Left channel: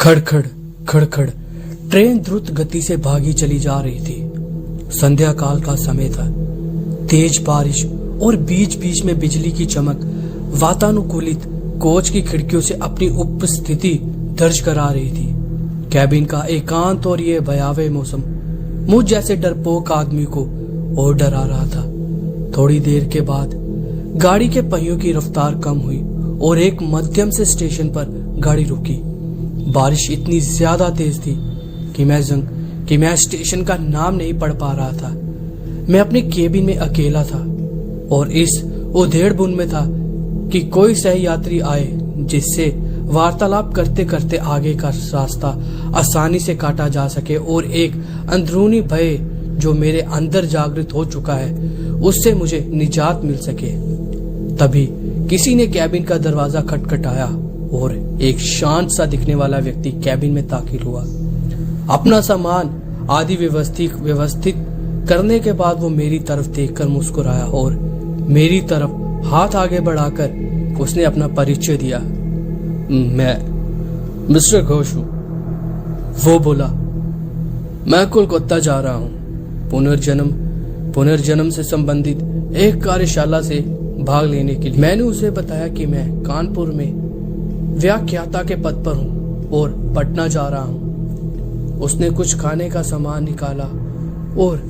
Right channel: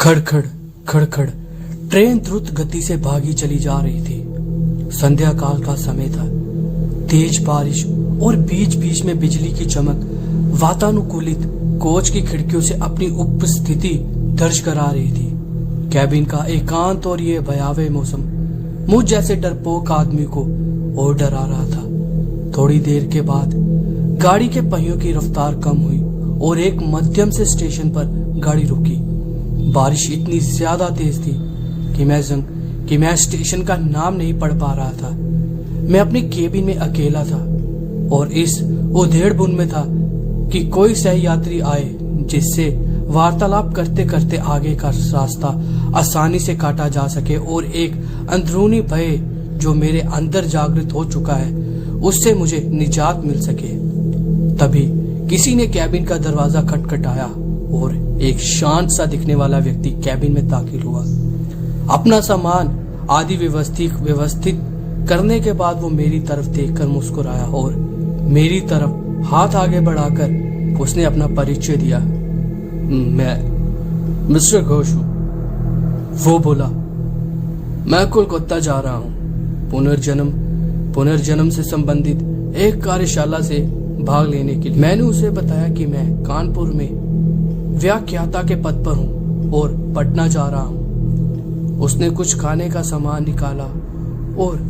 खड़खड़ खड़खड़ train द्रुत गति से भागी चली जा रही थी। संध्या काल का समय था। तेज बारिश और बीच बीच में बिजली की चमक वातानुकूलित कोच की खिड़कियों से अपनी उपस्थिति दर्ज करा रही थी। कैबिन का एकांत और ये भयावह मौसम मुझ जैसे डरपोक आदमी को और डरा रहा था। थोड़ी देर के बाद गाड़ी के पहियों की रफ्तार कम हुई और एक मध्यम से स्टेशन पर गाड़ी रुकी। बारिश इतनी ज्यादा तेज थी कि मैं स्टेशन का नाम नहीं पढ़ पा रहा था। मैं अपने केबिन में अकेला था और इस उधेड़-बुन में था कि कोई सहयात्री आए जिससे वार्तालाप करते करते आगे का रास्ता आसानी से काटा जा सके और एक अंदरूनी भय जो मेरे अंदर जागृत हो चुका है उससे मुझे निजात मिल सके। तभी किसी ने कैबिन का दरवाजा खटखटाया और एक शांत सा दिखने वाला व्यक्ति कैबिन में दाखिल हुआ। अपना सामान आदि व्यवस्थित करने के बाद वो मेरी तरफ देखकर मुस्कुराया और मेरी तरफ हाथ आगे बढ़ाकर उसने अपना परिचय दिया। मैं मिस्टर घोष हूं। वो बोला, मैं कोलकाता जा रहा हूं पुनर्जन्म से संबंधित एक कार्यशाला से भाग लेने के लिए। मैंने उसे बताया कि मैं कानपुर में व्याख्याता के पद पर हूं और पटना जा रहा हूं। उसने कुछ खाने का सामान निकाला और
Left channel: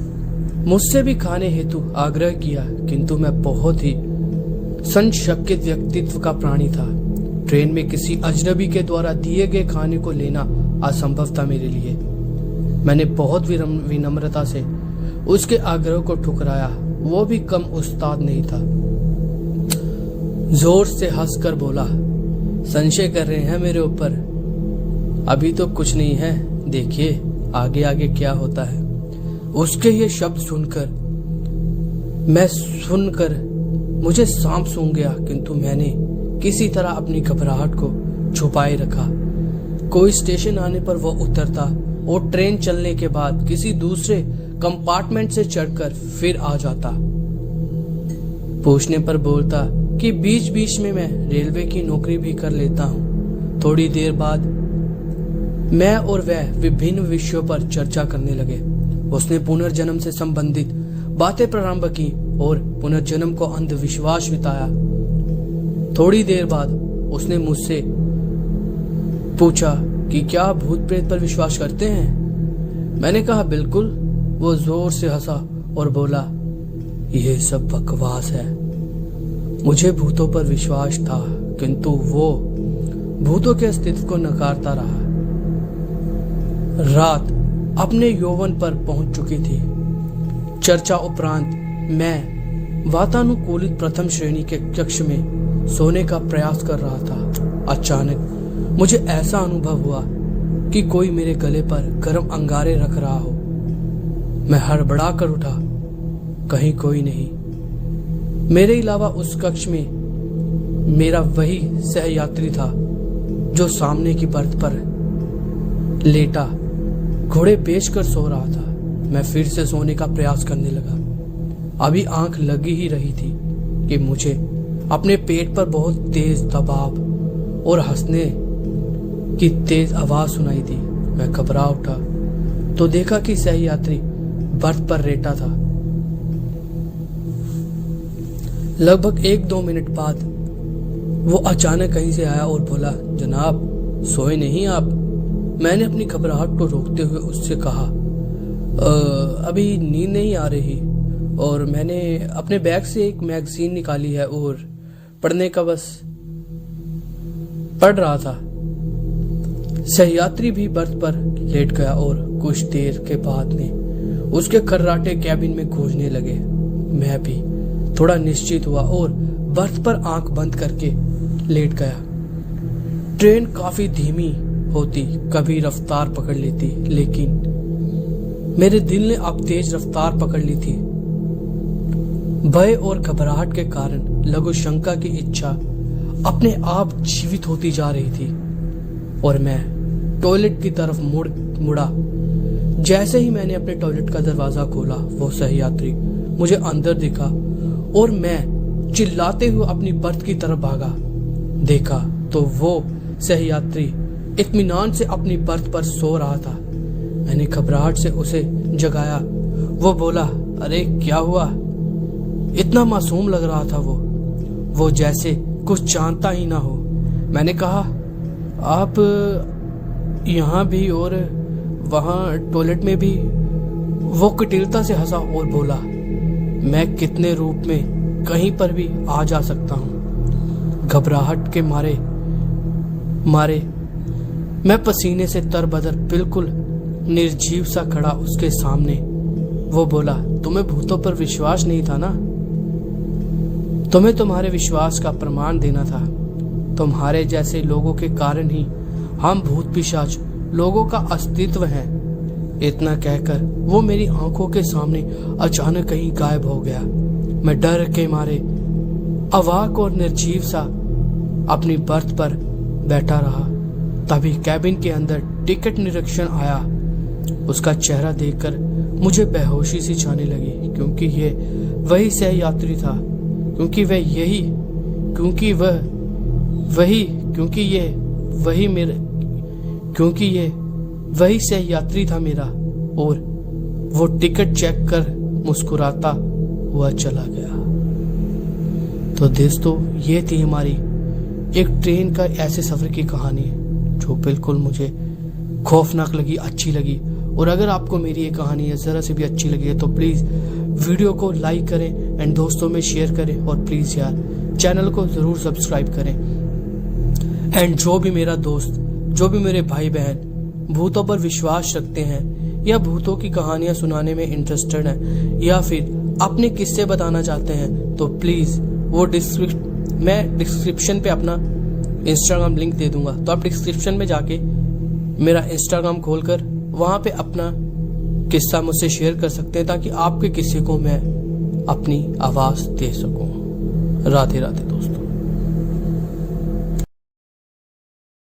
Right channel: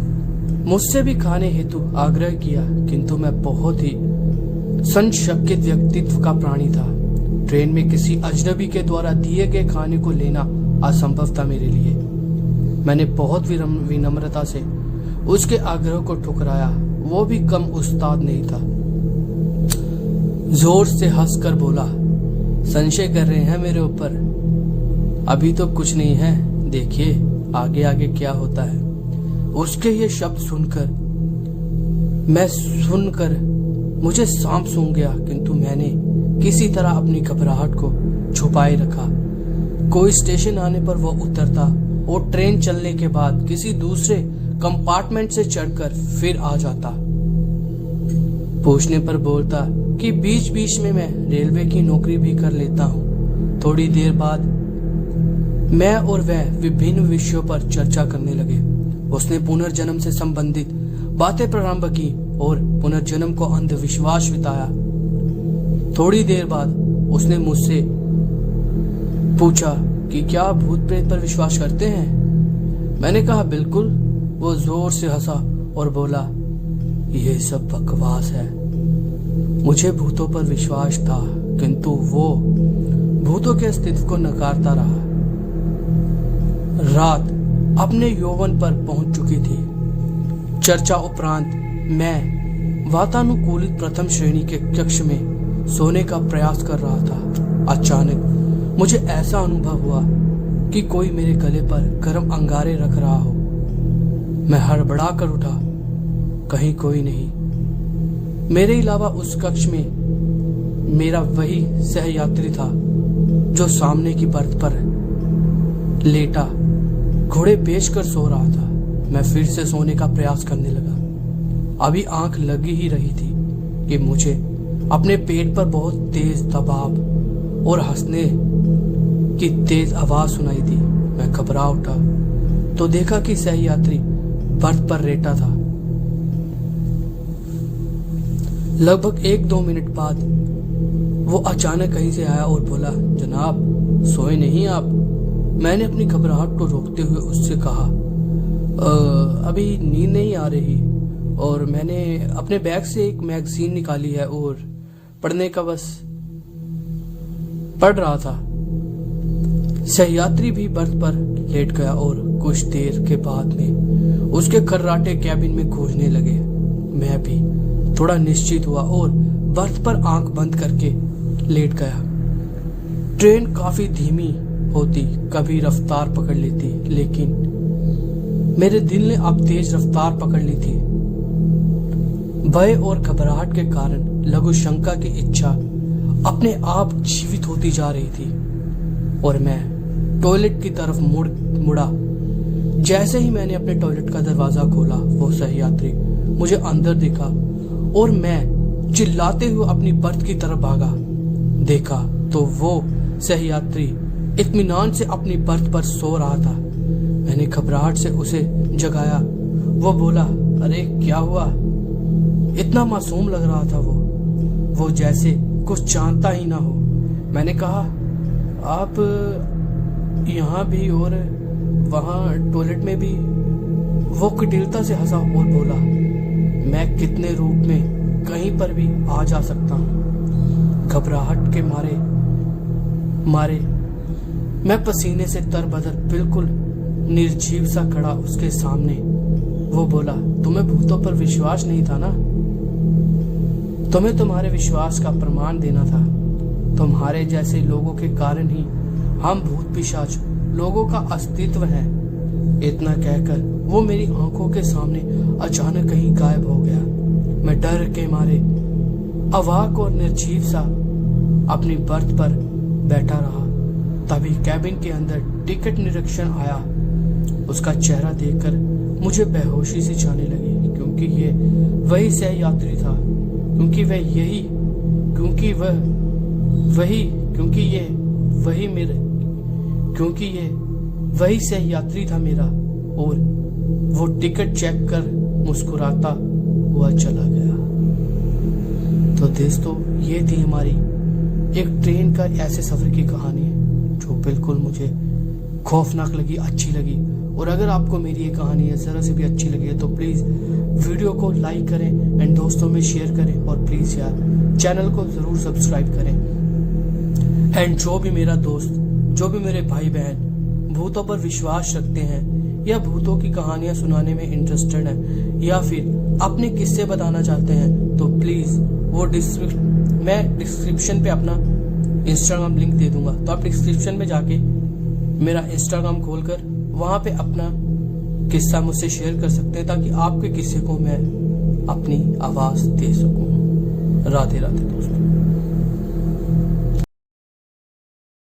मुझसे भी खाने हेतु आग्रह किया, किंतु मैं बहुत ही संशयित व्यक्तित्व का प्राणी था। ट्रेन में किसी अजनबी के द्वारा दिए गए खाने को लेना असंभव था मेरे लिए। मैंने बहुत विनम्रता से उसके आग्रह को ठुकराया। वो भी कम उस्ताद नहीं था। जोर से हंसकर बोला, संशय कर रहे हैं मेरे ऊपर? अभी तो कुछ नहीं है, देखिए आगे आगे क्या होता है। उसके ये शब्द सुनकर मुझे सांप सूंघ गया, किंतु मैंने किसी तरह अपनी घबराहट को छुपाए रखा। कोई स्टेशन आने पर वो उतरता और ट्रेन चलने के बाद किसी दूसरे कंपार्टमेंट से चढ़कर फिर आ जाता। पूछने पर बोलता कि बीच बीच में मैं रेलवे की नौकरी भी कर लेता हूँ। थोड़ी देर बाद मैं और वह विभिन्न विषयों पर चर्चा करने लगे। उसने पुनर्जन्म से संबंधित बातें प्रारंभ की और पुनर्जन्म को अंधविश्वास बताया। थोड़ी देर बाद उसने मुझसे पूछा कि क्या आप भूत प्रेत पर विश्वास करते हैं? मैंने कहा बिल्कुल। वो जोर से हंसा और बोला, यह सब बकवास है। मुझे भूतों पर विश्वास था, किंतु वो भूतों के अस्तित्व को नकारता रहा। रात अपने यौवन पर पहुंच चुकी थी। चर्चा उपरांत मैं वातानुकूलित प्रथम श्रेणी के कक्ष में सोने का प्रयास कर रहा था। अचानक मुझे ऐसा अनुभव हुआ कि कोई मेरे गले पर गर्म अंगारे रख रहा हो। मैं हड़बड़ा कर उठा। कहीं कोई नहीं। मेरे अलावा उस कक्ष में मेरा वही सहयात्री था जो सामने की बर्थ पर लेटा घोड़े बेचकर सो रहा था। मैं फिर से सोने का प्रयास करने लगा। अभी आंख लगी ही रही थी कि मुझे अपने पेट पर बहुत तेज दबाव और हंसने की तेज आवाज सुनाई दी। मैं घबरा उठा तो देखा कि सहयात्री बर्थ पर लेटा था। लगभग 1-2 मिनट बाद वो अचानक कहीं से आया और बोला, जनाब सोए नहीं आप? मैंने अपनी घबराहट को रोकते हुए उससे कहा, अभी नींद नहीं आ रही और मैंने अपने बैग से एक मैगजीन निकाली है और पढ़ने का बस पढ़ रहा था। सहयात्री भी बर्थ पर लेट गया और कुछ देर के बाद में उसके खर्राटे कैबिन में गूंजने लगे। मैं भी थोड़ा निश्चित हुआ और बर्थ पर आंख बंद करके लेट गया। ट्रेन काफी धीमी होती, कभी रफ्तार पकड़ लेती, लेकिन मेरे दिल ने अब तेज रफ्तार पकड़ ली थी। भय और घबराहट के कारण लघु शंका की इच्छा अपने आप जीवित होती जा रही थी और मैं टॉयलेट की तरफ मुड़ा। जैसे ही मैंने अपने टॉयलेट का दरवाजा खोला, वो सहयात्री मुझे अंदर दिखा और मैं चिल्लाते हुए अपनी बर्थ की तरफ भागा। देखा तो वो सहयात्री इत्मीनान से अपनी बर्थ पर सो रहा था। मैंने घबराहट से उसे जगाया। वो बोला, अरे क्या हुआ? इतना मासूम लग रहा था वो जैसे कुछ जानता ही ना हो। मैंने कहा, आप यहाँ भी और वहाँ टॉयलेट में भी? वो कुटिलता से हंसा और बोला, मैं कितने रूप में कहीं पर भी आ जा सकता हूँ। घबराहट के मारे मैं पसीने से तरबदर बिल्कुल निर्जीव सा खड़ा उसके सामने। वो बोला, तुम्हें भूतों पर विश्वास नहीं था ना? तुम्हें तुम्हारे विश्वास का प्रमाण देना था। तुम्हारे जैसे लोगों के कारण ही हम भूत पिशाच लोगों का अस्तित्व है। इतना कहकर वो मेरी आंखों के सामने अचानक कहीं गायब हो गया। मैं डर के मारे अवाक और निर्जीव सा अपनी बर्थ पर बैठा रहा। तभी कैबिन के अंदर टिकट निरीक्षण आया। उसका चेहरा देखकर मुझे बेहोशी सी छाने लगी, क्योंकि ये वही सह यात्री था। क्योंकि ये वही सह यात्री था मेरा। और वो टिकट चेक कर मुस्कुराता हुआ चला गया। तो दोस्तों, ये थी हमारी एक ट्रेन का ऐसे सफर की कहानी जो बिल्कुल मुझे खौफनाक लगी, अच्छी लगी। और अगर आपको मेरी ये कहानी जरा से भी अच्छी लगी है तो प्लीज वीडियो को लाइक करें एंड दोस्तों में शेयर करें, और प्लीज यार चैनल को जरूर सब्सक्राइब करें। एंड जो भी मेरा दोस्त, जो भी मेरे भाई बहन भूतों पर विश्वास रखते हैं या भूतों की कहानियां सुनाने में इंटरेस्टेड हैं या फिर अपने किस्से बताना चाहते हैं, तो प्लीज वो मैं डिस्क्रिप्शन पे अपना इंस्टाग्राम लिंक दे दूंगा। तो आप डिस्क्रिप्शन में जाके मेरा इंस्टाग्राम खोलकर वहां पे अपना किस्सा मुझसे शेयर कर सकते हैं, ताकि आपके किस्से को मैं अपनी आवाज दे सकूं। राधे राधे दोस्तों।